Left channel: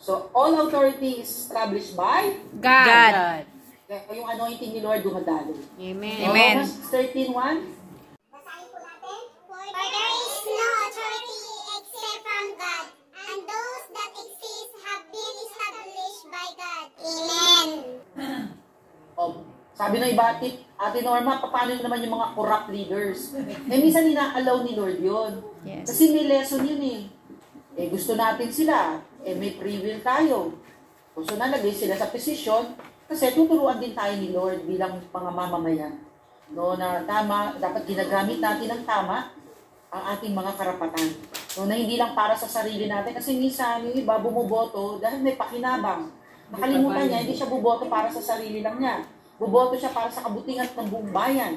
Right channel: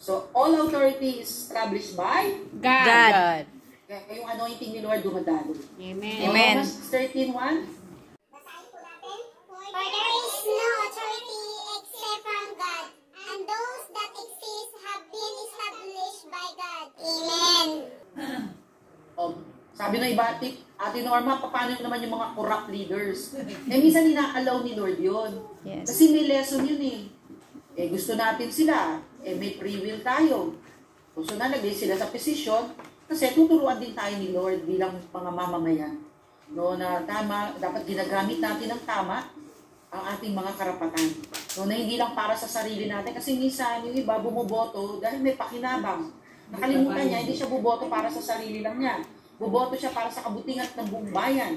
So, all authority is established by God. Yung anointing ni Lord dumadalo. Amen. Amen. Romans 13:1. Basahin po natin. For there is no authority except from God, and those that exist have been established by God. Amen. Sabi ng iba, Ate Norma, paano naman yung mga corrupt leaders? Minsan ina-allow ni Lord yun. Yes. Kasi may lesson yun gusto natin sila. May free will tayo. So nalagay sila sa position kasi tuturuan din tayo ni Lord bilang mga mamamayan. No, na tama, dapat ginagamit natin ng tama ang ating mga karapatan. No, na hindi lang para sa sarili natin kasi minsan yung iba bumoboto dahil may pakinabang. Nakalimutan niya, hindi siya buboto para sa sarili lang niya. Buboto siya para sa kabutihan ng buong bayan.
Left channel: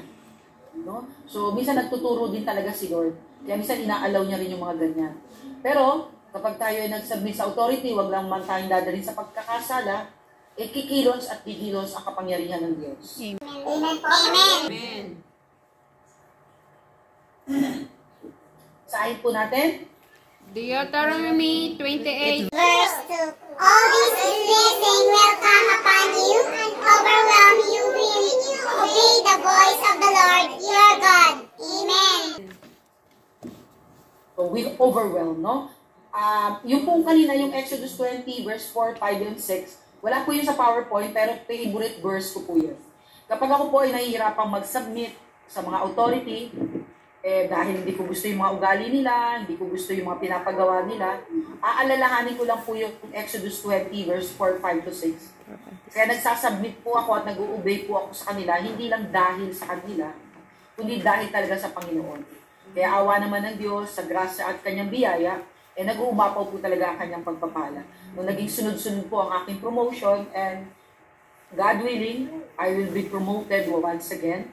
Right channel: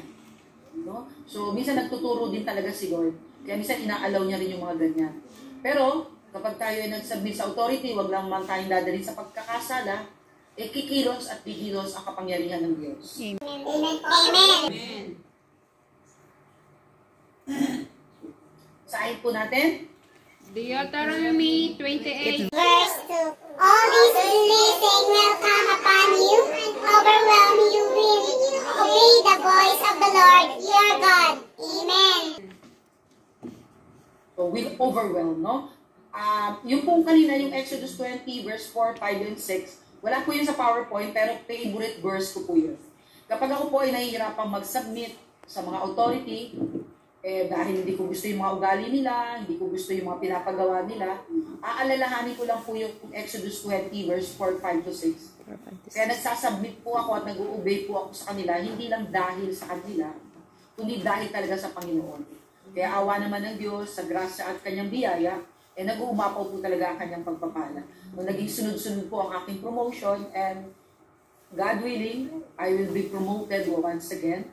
No? So, minsan nagtuturo din talaga si Lord. Kaya minsan ina-allow niya rin yung mga ganyan. Pero, kapag tayo ay nag-submit sa authority, wag lang man tayong dadalhin sa pagkakasala, kikilos at kikilos ang kapangyarihan ng Diyos. Amen. Saan po natin? Deuteronomy 28. Verse 2. All these blessings will come upon you and overwhelm you will obey the voice of the Lord your God. Amen. So, will overwhelm, no? Yung pong kanina, yung Exodus 20, verse 4, 5, and 6, wala po yun sa PowerPoint, pero favorite verse ko po yun. Kapag ako po ay nahihirapang mag-submit sa mga authority, dahil hindi ko gusto yung mga ugali nila, hindi ko gusto yung mga pinapagawa nila, aalalahanin ko lang po yung Exodus 20, verse 4, 5 to 6. Kaya nagsasubmit po ako at nag-uobey po ako sa kanila, hindi lang dahil sa kanila, kundi dahil talaga sa Panginoon. Kaya awa naman ng Diyos, sa grasya at kanyang biyaya, nag-uumapaw po talaga ang kanyang pagpapala. Nung naging sunod-sunod po ang aking promotion, and God willing, I will be promoted once again.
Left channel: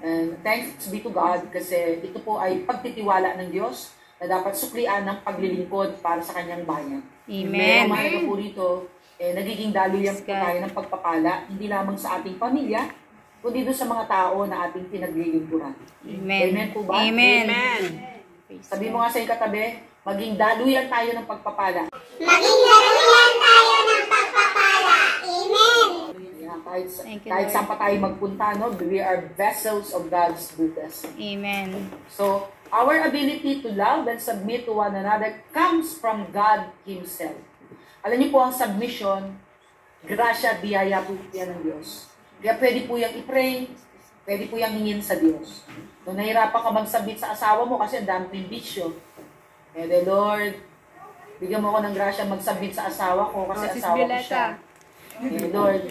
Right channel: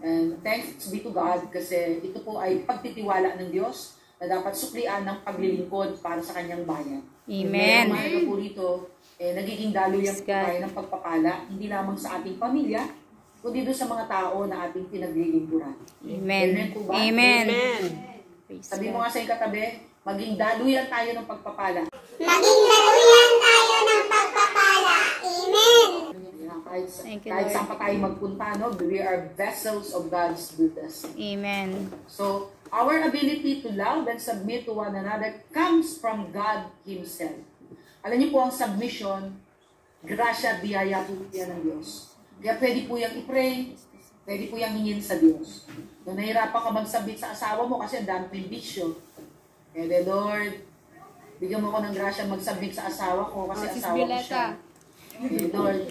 And thanks be to God kasi ito po ay pagtitiwala ng Diyos na dapat suklian ng paglilingkod para sa kanyang bayan. Amen. Kaya mahalaga po rito, nagiging daluyan po tayo ng pagpapala, hindi lamang sa ating pamilya, kundi doon sa mga tao na ating pinaglilingkuran. Amen. Amen po ba? Amen. Sabi mo nga sa iyong katabi, maging daluyan tayo ng pagpapala. Maging daluyan tayo ng pagpapala. Amen. Kahit saan pa tayo magpunta, no? We are vessels of God's goodness. Amen. So, our ability to love and submit to one another comes from God Himself. Alam niyo po ang submission, grasya, biyaya po yan ng Diyos. Kaya pwede po yung i-pray, pwede po yung hingin sa Diyos. Kung nahirapan ka mag-submit sa asawa mo kasi ang daming bisyo. Lord, bigyan mo ako ng grasya mag-submit sa asawa ko kasi asawa ko siya. Lord,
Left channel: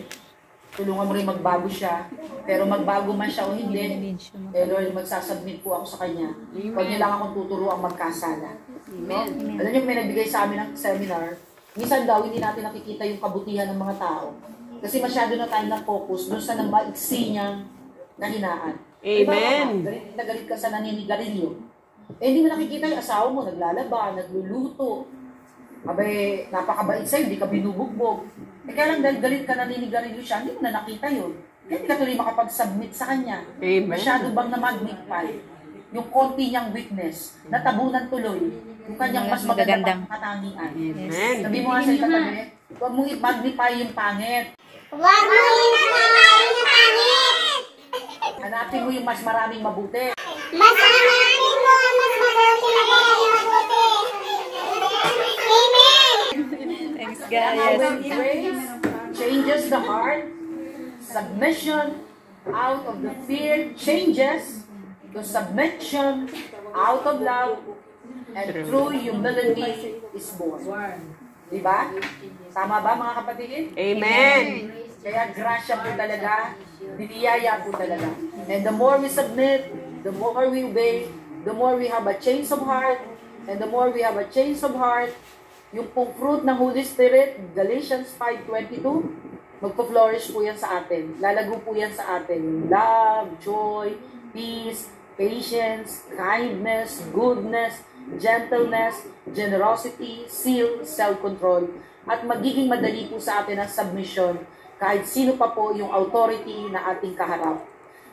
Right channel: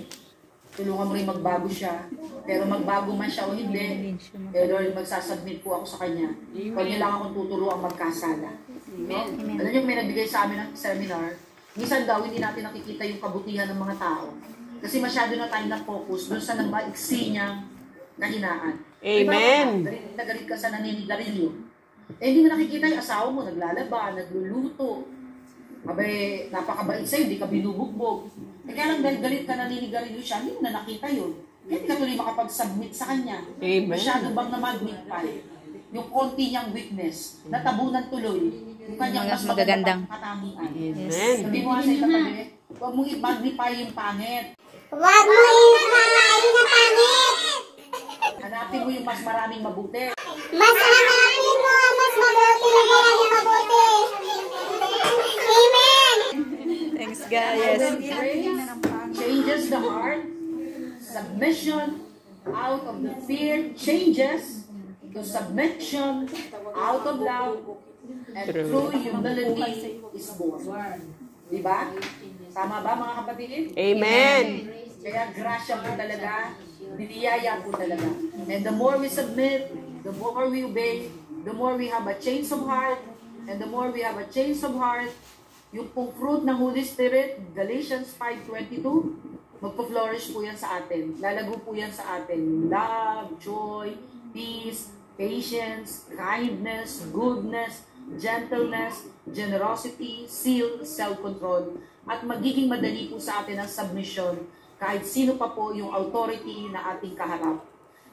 tulungan mo rin magbago siya. Pero magbago man siya o hindi, Lord, magsasubmit po ako sa kanya. Huwag niya lang akong tuturuan magkasala. No? Alam niyo, may nagbigay sa amin ng seminar, minsan daw hindi natin nakikita yung kabutihan ng mga tao. Kasi masyado na tayo na-focus doon sa nagmaiksi niyang kahinaan. Amen. Galit na galit ka sa naninigarilyo. Hindi mo nakikita yung asawa mo, naglalaba, nagluluto. Abay, napakabait sa'yo, hindi ka binubugbog. Kaya lang dahil galit ka naninigarilyo siya, hindi mo na nakita yun. Kaya hindi ka tuloy makapag-submit sa kanya. Amen. Masyado bang na-magnify yung konti niyang weakness, natabunan tuloy yung kanyang mas magandang katangian. Amen. Sabi mo nga sa katabi, huwag mong i-magnify yung pangit. Huwag mo i-magnify yung pangit. Hanapin mo yung mas maraming mabuti. Mas hanapin mo ang mas mabuti. Amen. Thanks, When guys. grace changes the heart, submission out of the fear changes to submission out of love, and true humility is born. Diba? Tama ba mga kapatid? Amen. Kaya grasya po talaga, biniyaya po talaga. And the more we submit, the more we obey, the more we have a change of heart, and the more we have a change of heart, yung pong fruit ng Holy Spirit, Galatians 5:22, magpo-flourish po yan sa atin. Lalago po yan sa atin. Love, joy, peace, patience, kindness, goodness, gentleness, generosity, zeal, self-control. At magiging madali po sa atin ang submission kahit sino pa po yung authority na ating kaharap.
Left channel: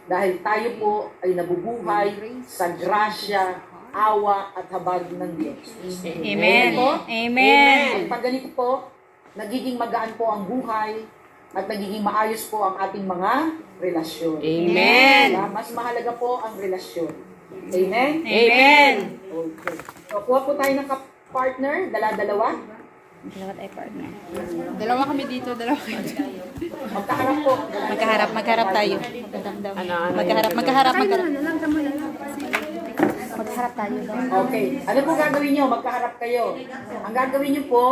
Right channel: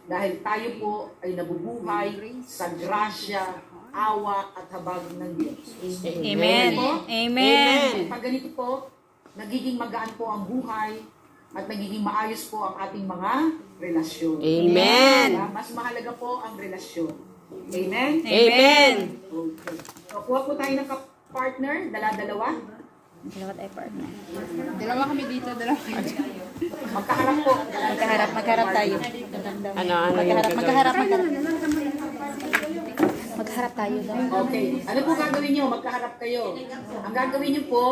Dahil tayo po ay nabubuhay sa grasya, awa at habag ng Diyos. Amen. Amen. Pag ganito po, nagiging magaan po ang buhay, at nagiging maayos po ang ating mga relasyon. Amen. Diba? Mas mahalaga po ang relasyon. Amen? Amen. Okay. So, kuha po tayo ng partner, dala-dalawa. Dalawa tayo partner. Dalawa kami dito, dalawa kayo. Magkaharap po. Magkaharap tayo. Magkaharap daw. Magkaharap tayo daw. Okay. Ano po gagawin nyo? Magkaharap kayo. Ang gagawin nyo po,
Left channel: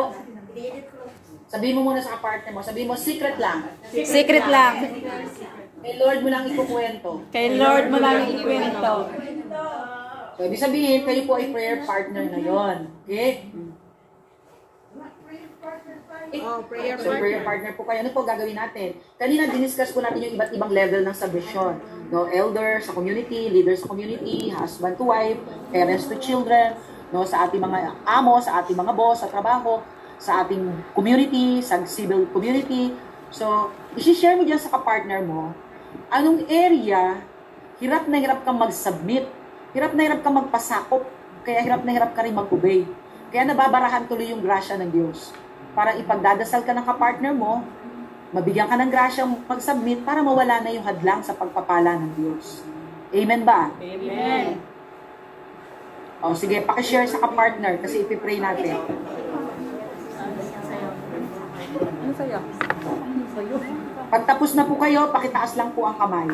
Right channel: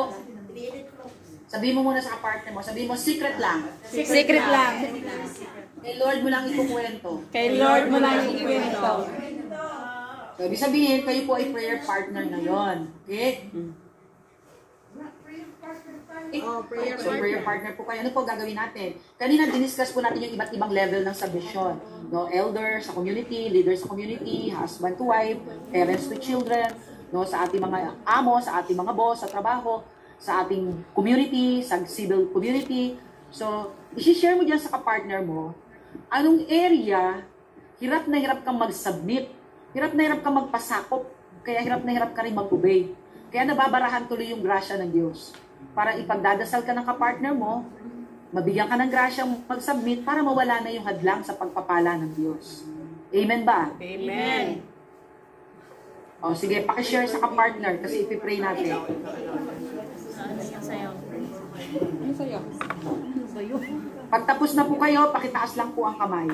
sabihin mo muna sa partner mo, sabihin mo, secret lang. Secret lang. Kay Lord mo lang ikukwento. Kay Lord mo lang yung ikwento. So, ibig sabihin, kayo po ay prayer partner na yon. Okay? So, prayer partner po kayo. Ano po gagawin natin? Kanina, diniscuss po natin yung iba't ibang level ng submission. No, elder sa community, leader sa community, husband to wife, parents to children, no, sa ating mga amo, sa ating mga boss, sa trabaho, sa ating community, sa civil community. So, isi-share mo dyan sa kapartner mo, anong area, hirap na hirap kang mag-submit, hirap na hirap kang magpasakop, kaya hirap na hirap ka rin mag-obey. Kaya nababarahan tuloy yung grasya ng Diyos. Para ipagdadasal ka ng kapartner mo, mabigyan ka ng grasyang mag-submit para mawala na yung hadlang sa pagpapala ng Diyos. Amen ba? Amen. O sige, pakishare sa kapartner kasi ipipray natin. Ano sa'yo? Pagtapos na po kayo, pakitaas lang po ang kamay.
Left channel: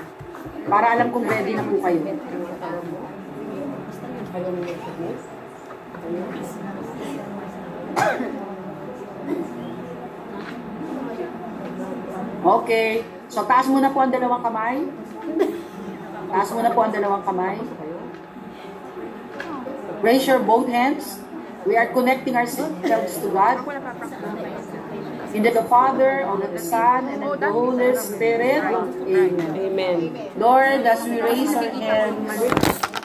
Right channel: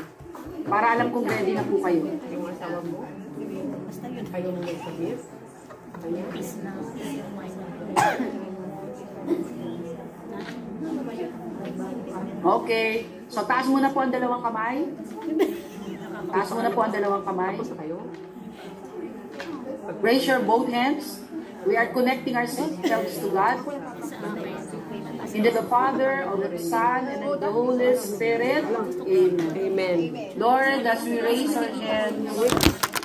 Para alam kong ready na po kayo. Okay. So, taas muna po ang dalawang kamay. Taas muna po ang dalawang kamay. Raise your both hands. We are connecting ourselves to God. In the Father, of the Son, and of the Holy Spirit. Amen. Amen. Lord, as we raise our hands,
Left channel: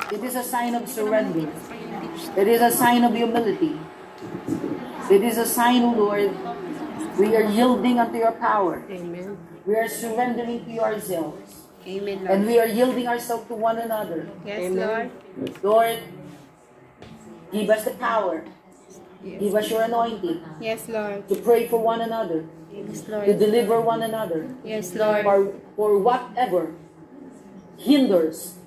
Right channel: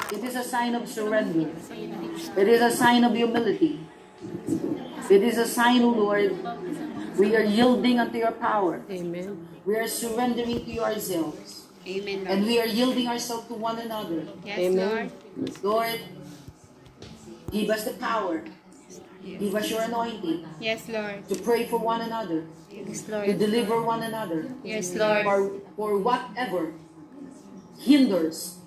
it is a sign of surrender. It is a sign of humility. It is a sign, O Lord, we are yielding unto your power. Amen. We are surrendering to yourselves. Amen, Lord. And we are yielding ourselves to one another. Yes, Lord. Lord, give us the power. Give us your anointing Yes, Lord. to pray for one another, Yes, to Lord. deliver one another, Yes, Lord. for whatever hinders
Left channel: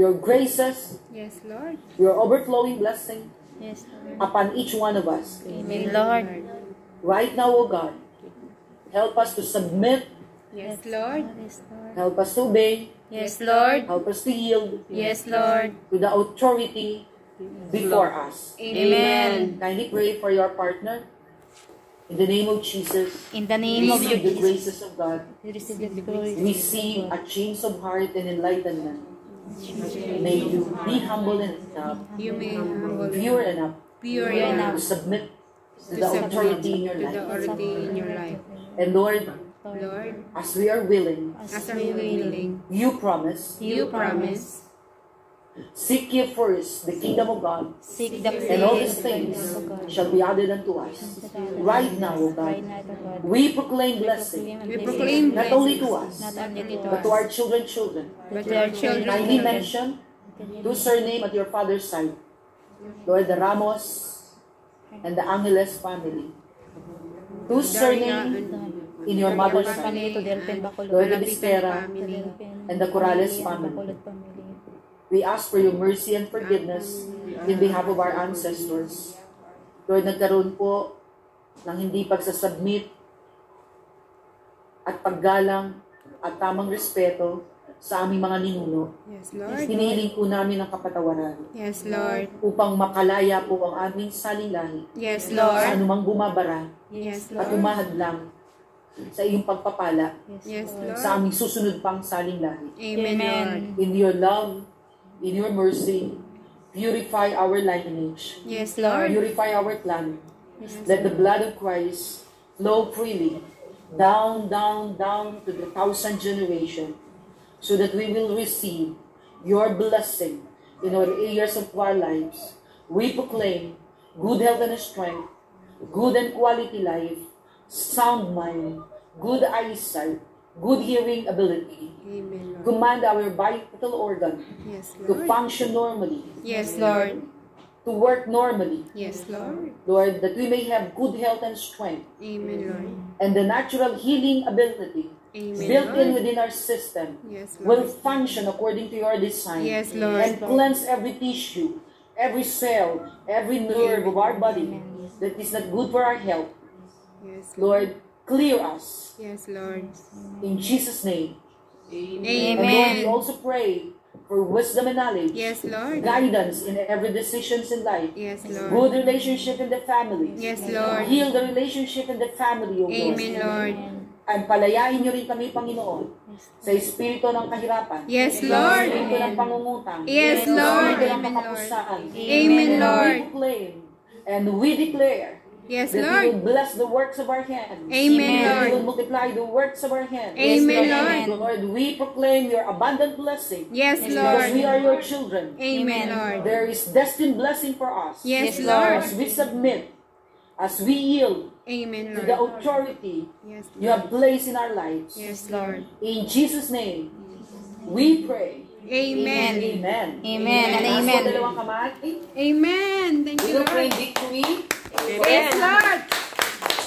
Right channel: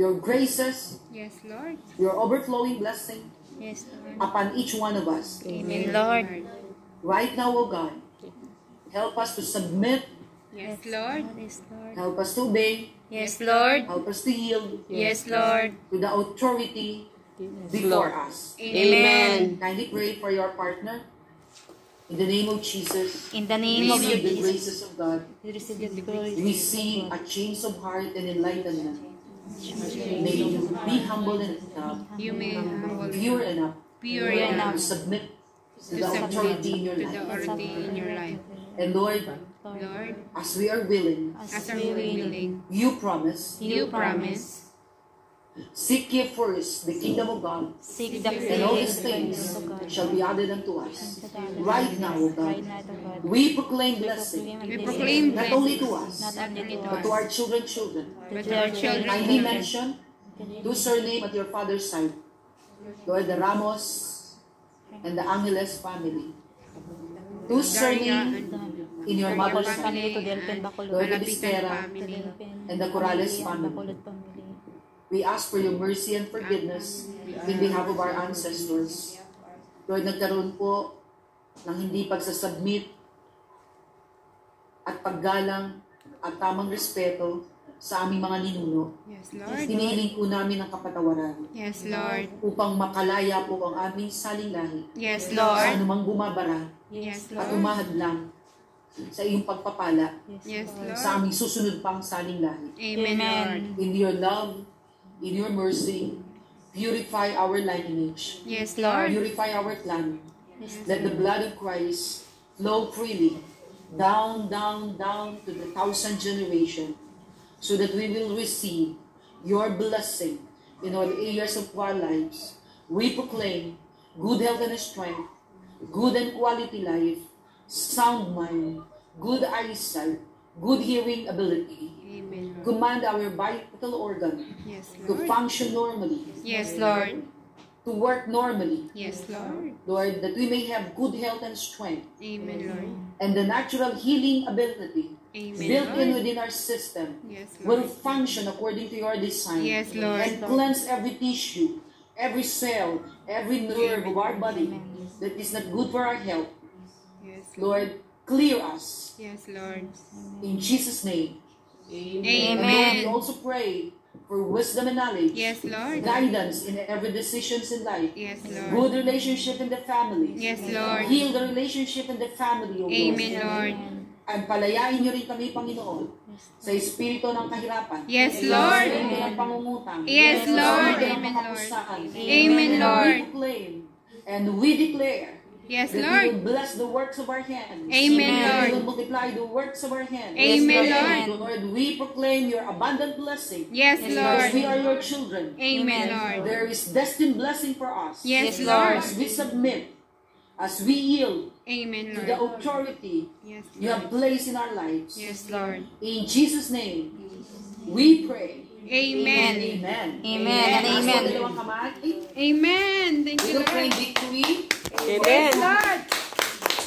your graces, Yes, Lord. your overflowing blessing Yes, Lord. upon each one of us. Amen, Lord. Right now, O God, help us to submit, Yes, Lord. Yes, Lord. help us to obey, Yes, Lord. help us to yield Yes, Lord. to the authority before us. Amen. Kindly pray for your partner. In the name of Jesus, In the name of receive the Jesus, graces of God. we receive your glory. Receive a change of heart and enlightenment. May you be humble enough, You may humble, pure enough pure Pure enough to submit to the submit authority in your to the life. authority in your life. And Lord, Lord, as we are willing, as we willing, you promise, you promise, seek ye first the kingdom of God, Seek the and all these face things of God. shall be added unto us. Right now, O Right God, now, to God. we proclaim blessing, we proclaim not only to us, Not only to but to us, our children. but to our children. Kindly mention two surname at your father's side. Lord, the Ramos and the Angeles family. Two surname in your mother's side. Family to Delphin Bacolod. Lord, the Bispera family, and the Corrales family. Bacolod family. We ask for your mercy and forgiveness in behalf of our ancestors. Lord, nagkaroon po ng hindi pagsasubmit at paggalang at tamang respeto sa aming mga ninuno. Yes, Lord. Hinihiling po namin ang kapatawaran Yes, Lord. upang makalaya po ang aming salinglahi Yes, sa Lord. anumang bumabara Yes, at Lord. umahadlang sa iyong pagpapala Yes, Lord. sa aming susunod pang salinglahi. Amen, Lord. In your love, in your mercy, purify our lineage. Yes, Lord. Purify our clan. Let the blood of Christ flow freely down, down, down to the 1,000 generation, so that we will receive your blessing in all areas of our lives. We proclaim good health and strength, good and quality life, sound mind, good eyesight, good hearing ability. Amen, Lord. Command our vital organ Yes, to Lord. function normally. Yes, Lord. to work normally. Yes, Lord. Lord, that we may have good health and strength Amen, Lord. and the natural healing ability Amen, built in Lord. within our system Yes, will Lord. function according to your design Yes, Lord. and cleanse every tissue, every cell, every nerve of our body that is not good for our health. Yes, Lord, clear us yes, Lord. in Jesus' name. And Lord, Amen. we also pray for wisdom and knowledge, Yes, Lord. guidance in every decisions in life, Yes, Lord. good relationship in the family. Yes, Lord. Heal the relationship in the family, O Lord. Amen, Lord. At palayain niyo rin kami, Panginoon, sa espiritu ng kahirapan. Yes, Sa Lord. espiritu ng pangungutang. Yes, Sa Lord. espiritu ng Amen, kakapusan. Amen, And Lord. we proclaim and we declare Yes, that we will Lord. bless the works of our hands. Amen, That we Lord. will multiply the works of our hands. Amen, Lord. Lord, we proclaim your abundant blessing. Yes, Because we Lord. are your children. Amen, Lord. There is destined blessing for us. Yes, Lord. As we submit, as we yield Amen, to the Lord. authority Yes, you have placed in our lives. Yes, Lord. In Jesus' name, we pray. Amen. Amen. Amen and Taas po amen. dalawang kamay. Amen. Thank We you, will Lord. claim victory. Yes, Lord.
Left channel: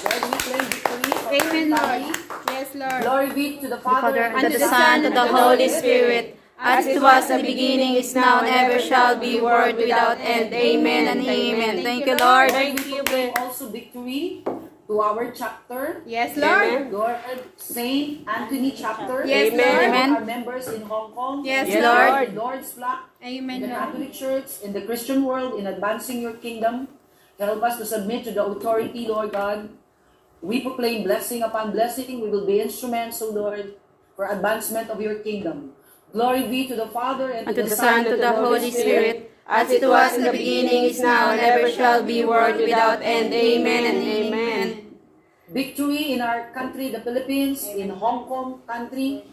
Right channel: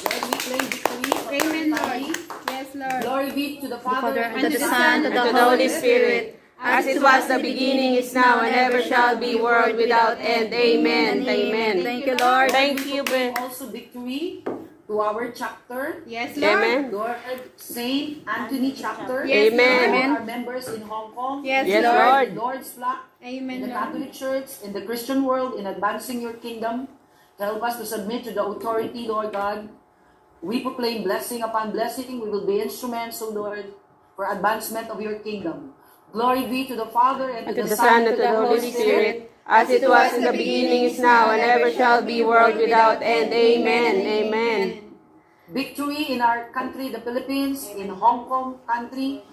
Lord, we claim victory for our Amen, Lord. family. Yes, Lord. Glory be to the Father, Father, and to the Son, and to the Holy Spirit, as it was in the beginning, is now, and ever shall be, world without end. Amen and amen. Thank you, Lord. Thank you. We proclaim also victory to our chapter. Yes, Lord. Lord, Saint Anthony chapter. Yes, Lord. All Amen. our members in Hong Kong. Yes, Lord. In Lord's flock. Amen, In the Lord. Catholic Church, in the Christian world, in advancing your kingdom. Help us to submit to the authority, Lord God. We proclaim blessing upon blessing. We will be instruments, O Lord, for advancement of your kingdom. Glory be to the Father, and And to the Son, and to the Holy Spirit, as it was in the beginning, is now, and ever shall be, world without end. Amen and amen. Victory in our country, the Philippines, in Hong Kong country.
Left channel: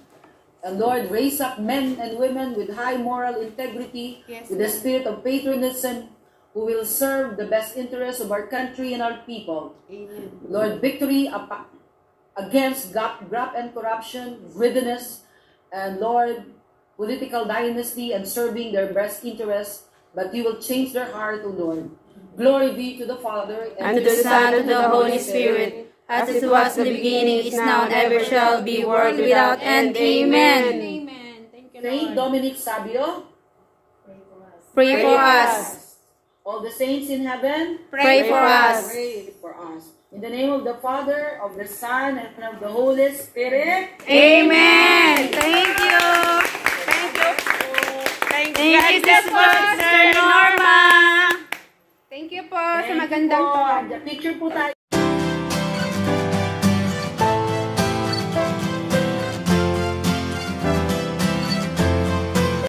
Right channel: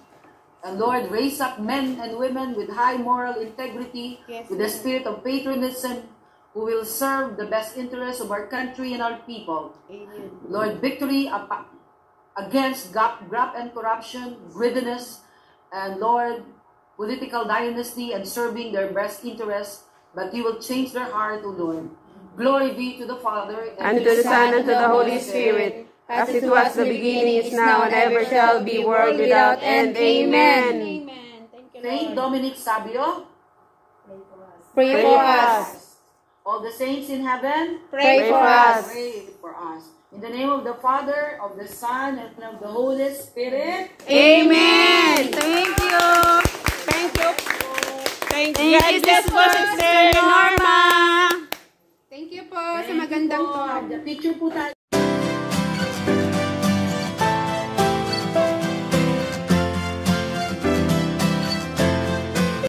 And Lord, raise up men and women with high moral integrity, Yes, with the spirit of patriotism, who will serve the best interests of our country and our people. Amen. Lord, victory against graft and corruption, greediness, and Lord, political dynasty and serving their best interests, but you will change their heart, O Lord. Glory be to the Father, And to the Son, and to the Holy Spirit, as it was in the beginning, is now, and ever shall be, world without end. Amen. Amen. Thank you, Saint Lord. Dominic Sabio, Pray for us. all the saints in heaven, Pray for us. pray for us. In the name of the Father, of the Son, and of the Holy Spirit. Amen. Thank you. Thank you. Thank you, Sister Norma. Thank you po sa magandang Thank you po. Picture po tayo.